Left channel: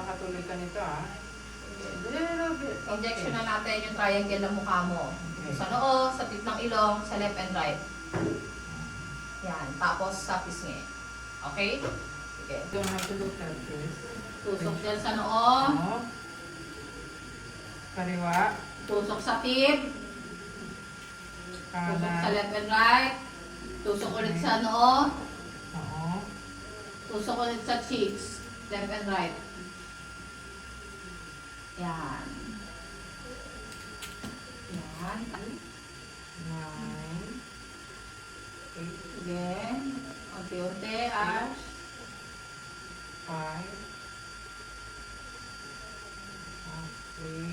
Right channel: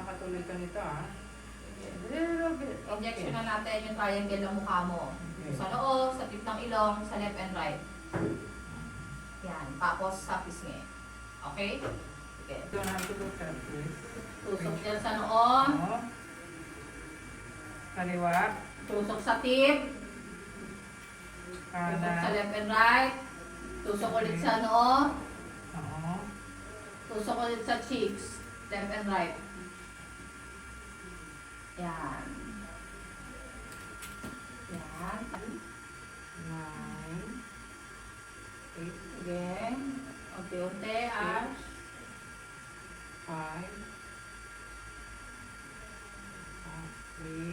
makakatuloy ka nito ah. Injection na natin yung triangle ng mukha mo. Okay. Sa noo, sa tip ng ilong, sa left and right. Yan. Tapos sa pisngi. Okay? Sige. Don't have to look at this. Tusok dyan sa noo. Oo. Kaliwa. Tusok sa tip. Tusok sa Kanan. left and right. Tusok ulit sa noo. Oo. Tusok ulit sa cheeks. Left and right. Yan. Yan. 9. 8. Sige. Unti-unti. Ash. 5. 3.